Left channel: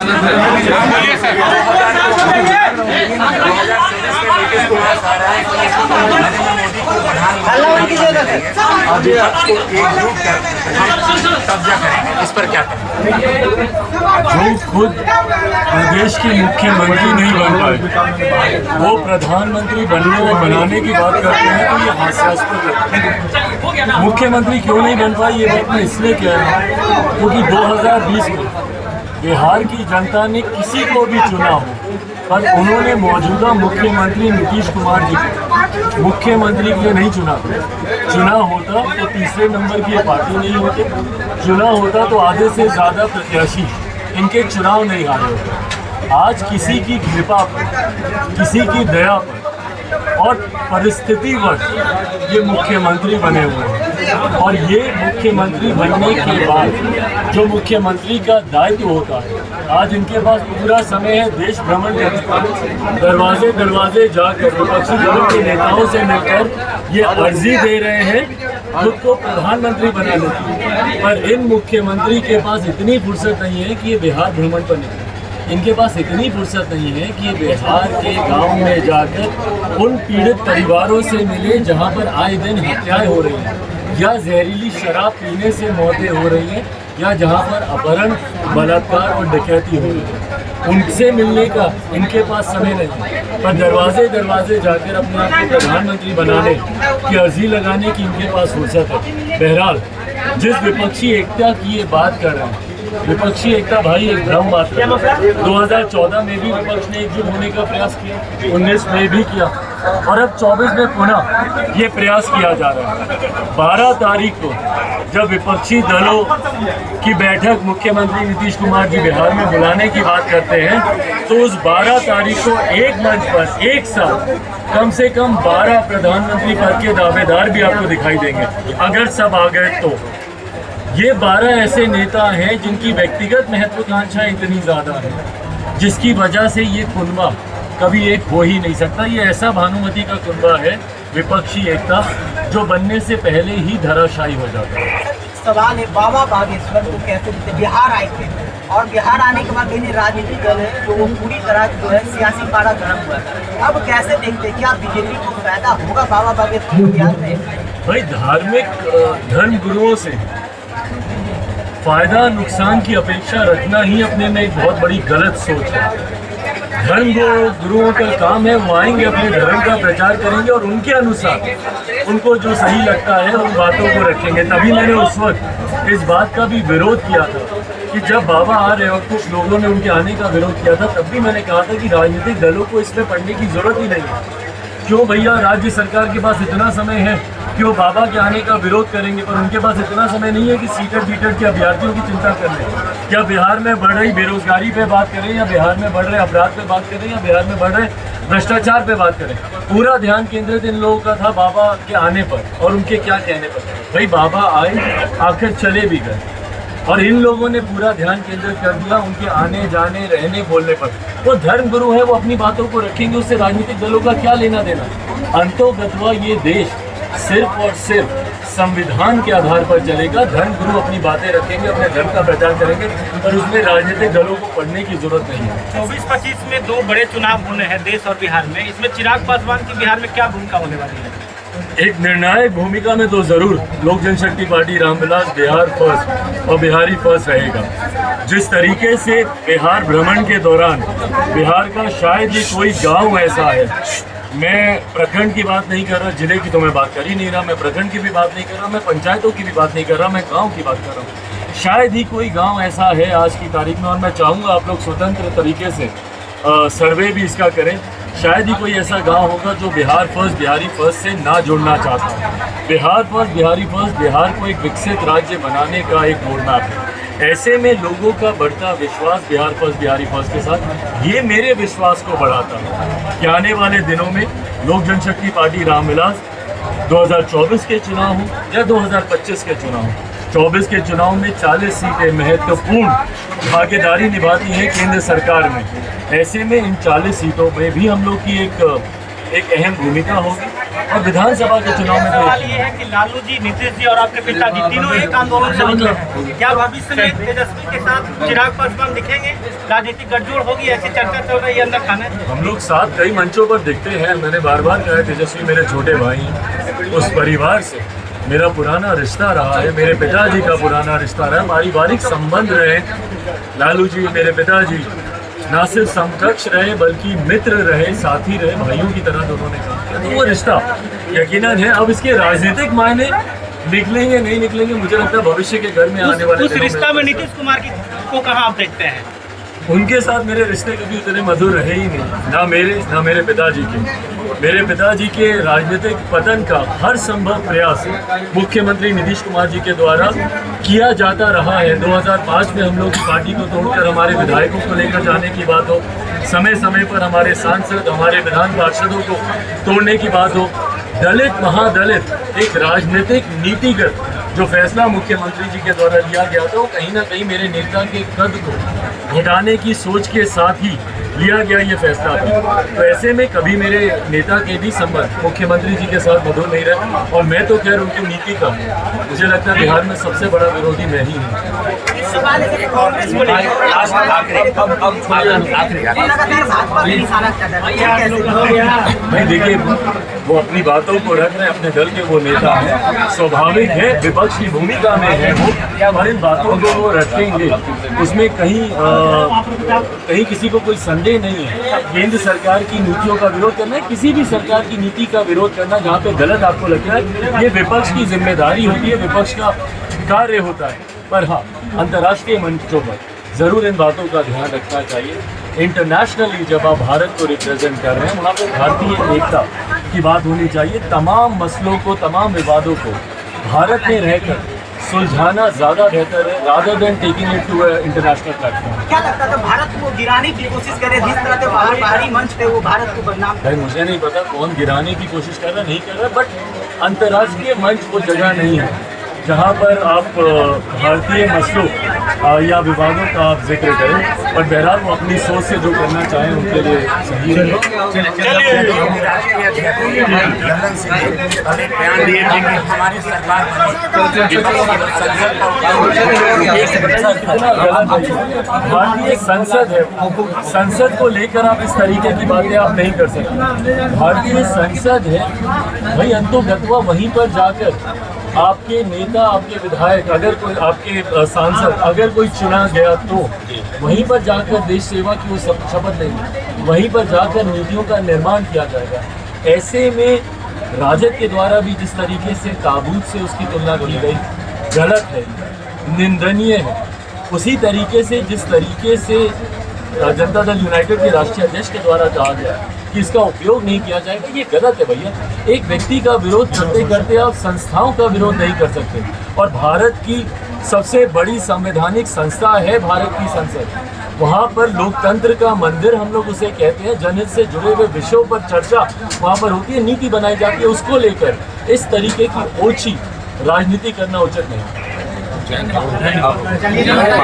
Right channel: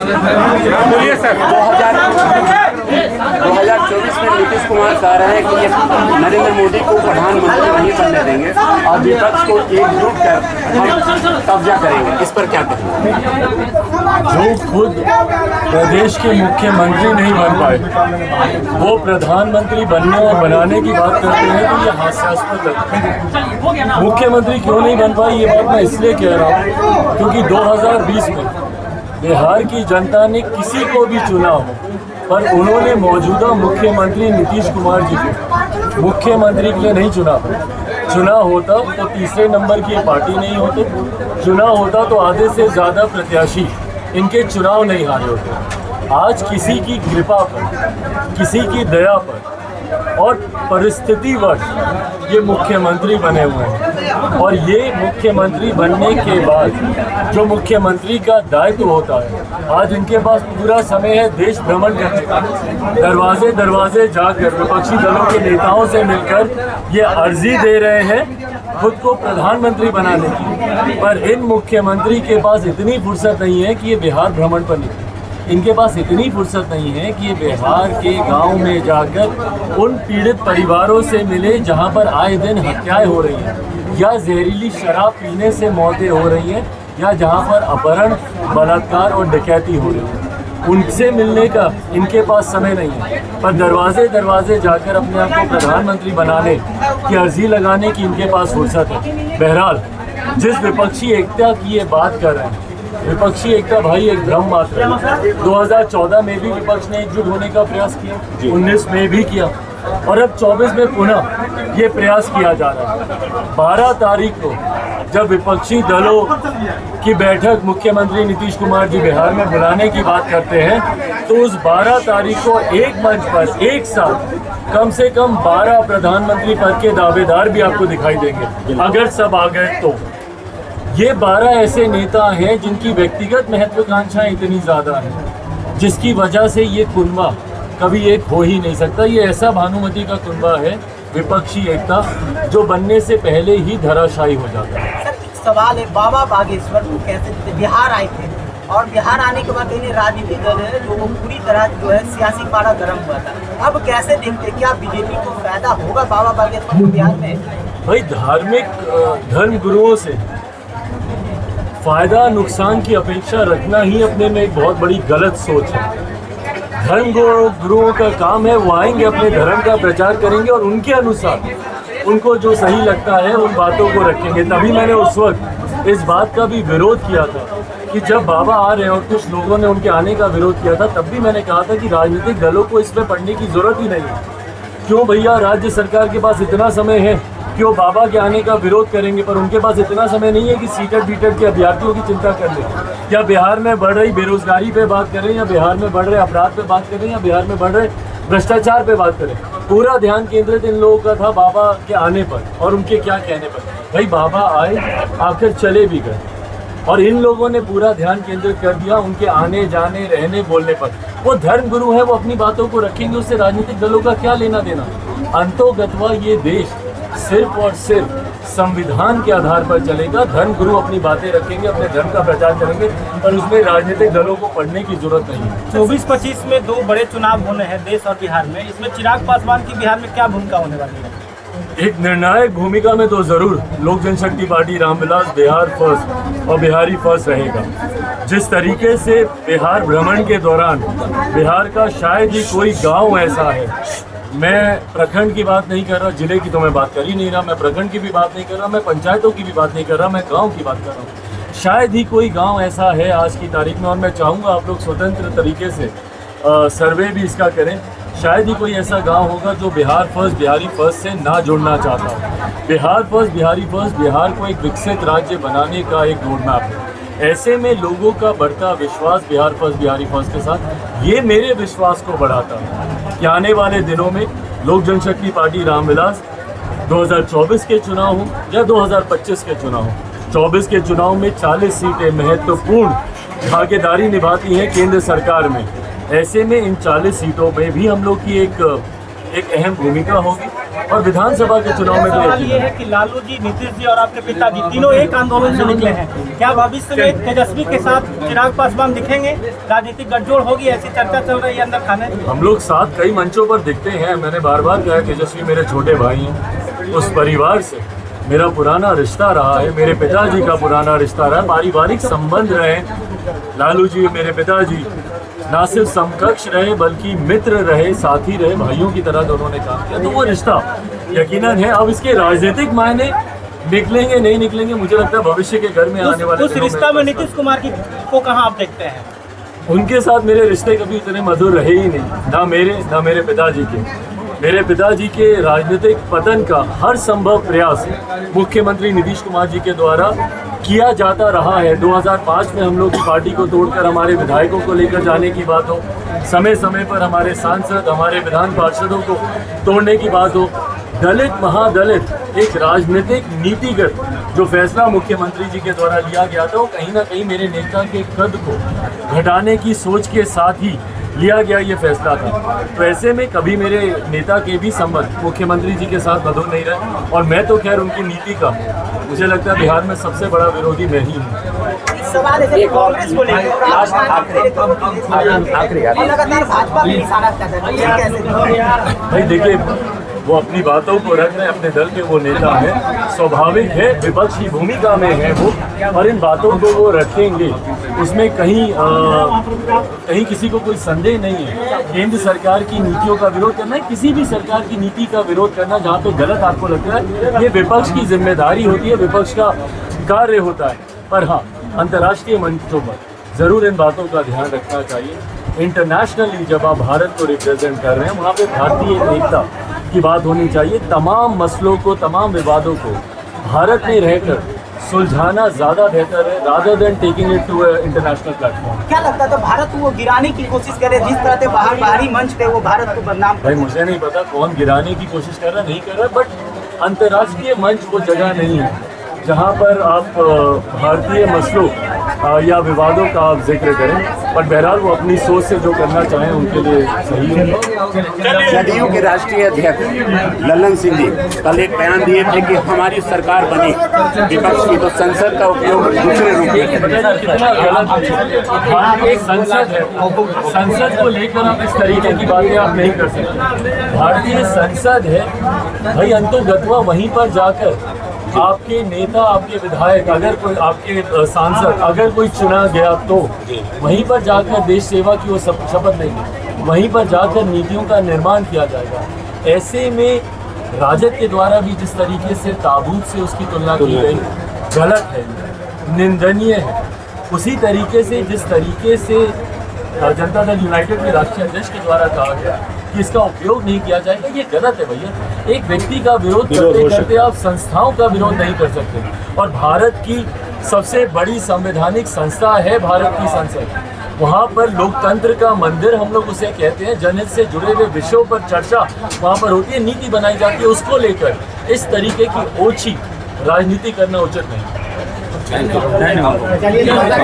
बोलिए सर। 2024 में नीतीश कुमार चाह रहे हैं कि नरेंद्र मोदी को प्रधानमंत्री नहीं बनने देंगे और विपक्ष को एकजुट कर कब्जा करेंगे, इस पर क्या कहेंगे? जो खुद प्रदेश के मुख्यमंत्री नहीं बन पाए वो प्रधानमंत्री बनने और बनाने की बात करते हैं तो ये हास्यास्पद लगता है। मुख्यमंत्री क्यों नहीं बन पाई ये बात मैं इसलिए कह रहा हूँ क्योंकि 2020 में बिहार की जनता ने किसी को भी चुना हो पर उन्होंने मौजूदा मुख्यमंत्री नीतीश कुमार जी को मुख्यमंत्री के लिए नहीं चुना। चुना होता तो तीसरे नंबर की पार्टी नहीं होते, चुना होता तो आधे से ज़्यादा प्रत्याशी इनके चुनाव नहीं हारे होते। आज किसी की कृपा पर, किसी की दया पर और परिस्थितिवश ये मुख्यमंत्री बने हुए हैं और ये मुख्यमंत्री बनने के बाद जो मुख्यमंत्री का दायित्व होता है आज इनके पास पूरा समय है देश भ्रमण करने का। दरवाजे दरवाजे जाकर विपक्षी दलों के नेताओं से मिलकर ये अर्जी दे रहे हैं खुद को प्रधानमंत्री बनाने की, पर इन मुख्यमंत्री के पास इतनी फुर्सत नहीं है कि ये बिहार भ्रमण पर निकले। इनके पास इतनी फुर्सत नहीं है कि ये बिहार के गांव में जाकर उन पीड़ित परिवारों से मिले जहां पर आए दिन हत्याएं हो रही हैं या जहरीली शराब पीने से मौतें हो रही हैं या जहां पर अपहरण, बलात्कार और डकैती हो रही है। उनसे मिलने का इनके पास समय नहीं है, पर दरवाजे दरवाजे जाकर अपने आप को प्रधानमंत्री बनाने की अर्जी लगाने की इनके पास फुर्सत है। बहरहाल जिस विपक्षी एकता की ये बात कर रहे हैं, विपक्षी एकता भाई एक भ्रम मात्र है। 2014 में भी विपक्ष ने एकजुट होने का प्रयास किया, 19 में भी किया और अब 24 में पुनः ये प्रयास किया जा रहा है। 12 तारीख को जब विपक्षी दलों की बैठक मुख्यमंत्री नीतीश कुमार जी बिहार में बुलाने की बात करते हैं तो उस 12 तारीख को एक मंच पर एक साथ कम से कम 12 प्रधानमंत्री पद के दावेदार भी आपको दिखाई देंगे अगर सब आ गए तो। ये 12 ऐसे नेता हैं जिनकी व्यक्तिगत महत्वाकांक्षाएं इतनी ज़्यादा है जिसकी वजह से ये कुनबा कभी एक हो ही नहीं सकता। ये ऐसा भानुमति का कुनबा है विपक्षी एकता जो बनने से पहले ही धराशायी हो जाता है। सवाल है, बाबा बागेश्वर को कैसे जीते? बिहार आए थे और बिहार आने के बाद इन्हें राजनीतिक दल है जो पूरी तरह जो है सियासी पारा गर्म हुआ था। अब कैसे देखते, क्या बीजेपी को फायदा होगा बाबा बागेश्वर को ध्यान में? भाई धार्मिक धर्म गुरुओं से फायदा नुकसान की अपेक्षा रखना ही अपने में एक बहुत बड़ी गलत सोच है। धर्म गुरुओं का काम है वो आएंगे अपने धर्म का प्रचार करेंगे और उनके अनुसार उनको जो सही लगता है उन बातों को रखेंगे। तभी मैंने उस वक्त इस बात का भी विरोध किया था कि जब बाबा आ रहे हो कुछ लोगों ने उनके आने का विरोध किया था तब भी मैंने कहा था कि राजनीतिक दलों को इसमें पढ़ने की जरूरत ही नहीं है। क्यों भैया, राज्य सरकार के पास इतना समय है कि वो बाबा के आने का विरोध करेंगे, पर उनके पास इतना समय नहीं है कि सीटेड बीटेड के अभ्यर्थियों की चिंता कर ले। या बिहार में बढ़ रही बेरोजगारी पे बात करें, या बिहार में बढ़ रहे अपराध पे बात करें, या बिहार में बढ़ रहे भ्रष्टाचार पे बात करें। पूरा ध्यान केंद्रित इन लोगों का था बाबा के आने पर और उनके क्या कहने पर। भाई बाबा आए, आखिर चले भी गए और इन लोगों ने पूरा ध्यान केंद्रित कर दिया उनके आने जाने रहने बोलने पर। वो धर्म गुरु है, वो अपनी बातों को रखेंगे, उससे राजनीतिक दलों का क्या लेना देना। अंतोगत्वा ये देश सिर्फ और सिर्फ संविधान के आधार पर चलेगा। धर्म गुरु अपनी बातें रखेंगे, अपने धर्म का प्रचार करेंगे और उसमें राजनीतिक दलों को पढ़ने की जरूरत नहीं है। 24-25 में 2 बड़े चुनाव होने हैं देश और बिहार में, इसमें चिराग पासवान की बिहार में क्या भूमिका होने वाली है? एक निर्णायक भूमिका में तो जरूर लोक जनशक्ति पार्टी रामविलास बिहार फर्स्ट और बिहारी फर्स्ट रहेगा। जिस तरीके से बिहार भ्रमण के दौरान बिहार का शायद ही कोई गांव ऐसा है, मैं प्रखंड की बात नहीं कर रहा, जिले की तो मैं बात कर ही नहीं रहा, मैं प्रखंड की भी बात नहीं कर रहा, मैं पंचायतों की भी बात नहीं कर रहा, मैं गांव की बात कर रहा हूँ। शायद ही कोई गांव ऐसा है आज की तारीख में, और मैं चाहूँगा आप लोग स्वतंत्र तरीके से सर्वे भी इसका करें, शायद ही कोई ऐसा गांव होगा जो बिहार फर्स्ट बिहारी फर्स्ट से ना जुड़ना चाहता। बिहार फर्स्ट बिहारी फर्स्ट बिहार को एक विकसित राज्य बनाने का एक रोड मैप है। ऐसे में लोगों का बढ़ता विश्वास बिहार फर्स्ट बिहारी फर्स्ट के साथ, ये मेरे विश्वास को बढ़ाता है कि आने वाले दिनों में लोक जनशक्ति पार्टी रामविलास 2024 के चुनाव हों या 2025 के चुनाव हों, 24 के चुनाव में 40 सीटें महत्वपूर्ण भागीदारी निभाती हैं केंद्र सरकार में। ऐसे में इन 40 सीटों में भी हम लोग की एक अहम भूमिका होगी और विधानसभा के चुनाव में तो सवाल एक ये ही है कि लालू जी, नीतीश जी और आपके पिताजी तीनों एक आंदोलन से निकले हैं। क्या भविष्य में तेजस्वी के साथ चिराग पासवान दिखेंगे? राजनीतिक गठजोड़ होगी, ऐसी चर्चा चल रही है अंदर खाने। हम लोग साथ कई मंचों पर दिखते हैं। मैंने बार बार कहा है, तेजस्वी मेरे छोटे भाई हैं। उस परिवार से मेरा पुराना रिश्ता रहा है, मेरे पिताजी का पुराना रिश्ता रहा है, पारिवारिक संबंध रहे। लालू जी मेरे पिताजी ना सिर्फ समकक्ष रहे बल्कि मित्र रहे, साथी रहे, भाइयों की तरह दोनों ने काम किया। तो वो रिश्ता यकीनन है। अब इसके राजनीतिक मायने निकलेंगे नहीं निकलेंगे, मुझे लगता है भविष्य के घर में आने वाले उस रिश्ता में नीतीश कुमार को कहाँ आप देखते हैं? उनके साथ मेरे रिश्ते कभी उतने मधुर रहे ही नहीं, ना मेरे पिताजी के। मेरे पिताजी के राजनीतिक पतन का हर संभव प्रयास मुख्यमंत्री नीतीश कुमार जी के द्वारा किया जाता रहा है। 2005 में हम लोग की पार्टी को तोड़कर हमारे विधायकों को लेकर जाने की बात हो, समय समय पर हमारे सांसद, हमारे विधान पार्षदों को तोड़ने की बात हो, दलित महादलित एक राजनीतिक नीतिगत जो फैसला मुख्यमंत्री जी के द्वारा लिया गया था, वो कहीं ना कहीं मेरे नेता के कद को घटाने की सोच के साथ ही लिया गया ये फैसला था। तो ऐसे में कभी मेरे नेता के भी संबंध मुख्यमंत्री जी के साथ मधुर नहीं रहे। और मैं तो खैर उनकी नीति का, मुझे लगता है बिहार में सबसे बड़ा विरोधी मैं ही हूँ। इस सवाल है कांग्रेस को लेकर लगातार भाजपा पे निशाना कर रहा है, कैसे? भाई देखिए, वो अपनी बातों को रख रहे हैं, अपने दल के वो नेता हैं, स्वाभाविक है, विपक्ष की भूमिका में है वो, और इन बातों को वो रखेंगे। उसमें कहीं किसी को कोई संदेह नहीं है। केंद्र सरकार की नीतियों का विरोध करना है, किसी भी सरकार की नीति का विरोध करना जहाँ पे गलत आपको लगता है, ये विपक्ष की जिम्मेदारी होती है, विपक्ष का कार्य होता है। पर हाँ, अंतर्राष्ट्रीय मंचों पर जरूर इन बातों का ध्यान रखना चाहिए। इंटरनेशनली जब आप भारत को रिप्रेजेंट कर रहे हैं, वहाँ पे भारतीय एकता की बात होनी चाहिए। तमाम मसलों को, तमाम विवादों को भारत में रहकर सुलझाना ज़्यादा बेहतर है, rather than taking it to international platform. क्या लगता था भारत को गिराने की कोशिश करे, जिस तरह से बाहरी मंच पे वो भारत को बदनाम? भाई मुझे नहीं पता कौन गिराने की कोशिश कर रहा नहीं कर रहा, बट अंतर्राष्ट्रीय मंच वो जगह नहीं है जहाँ पर आप भारतीय मसलों या विवादों का आप जिक्र करें। और बहरहाल वो अपनी सोच से जो करना चाहें उनके लिए सही है। जदयू के राष्ट्रीय अध्यक्ष ललन सिंह जी कल एक बयान दिए थे कि हमारी सरकार बनी, विपक्ष की तो संसद का भारतीय संसद है, संसद को लेकर आप इस तरीके की बातें आप नहीं कर सकते। भारतीय संसद है भाई, अंतोगत्वा वहीं पर जाकर आपके नेता, आपके विधायक, अगर कोई आपके सांसद अगर कोई चुना गया तो वहीं पर जाकर देश सेवा की वो शपथ लेंगे, वहीं पर जाकर नीतियों का निर्माण किया जाएगा। ऐसे में राजद के द्वारा भी जिस तरीके से ताबूत से उसकी तुलना की गई गलत है, निंदनीय है। उसी तरीके से जिस तरीके से जनता दल यूनाइटेड के राष्ट्रीय अध्यक्ष के द्वारा कहा गया कि इसका उपयोग नहीं किया जाएगा, ये गलत है भैया। एक व्यक्ति का विरोध करते करते आप संस्थाओं का विरोध नहीं कर सकते। और भारत की सबसे बड़ी संवैधानिक संस्था है भारत की संसद, वहाँ पर लोकतंत्र का मंदिर हम लोग उसे कहते हैं। जनहित से जुड़े हुए विषयों पर चर्चा वहाँ पर होती है, नीति बनाई जाती है। उसको लेकर इस तरीके की ओछी राजनीति करना उचित नहीं।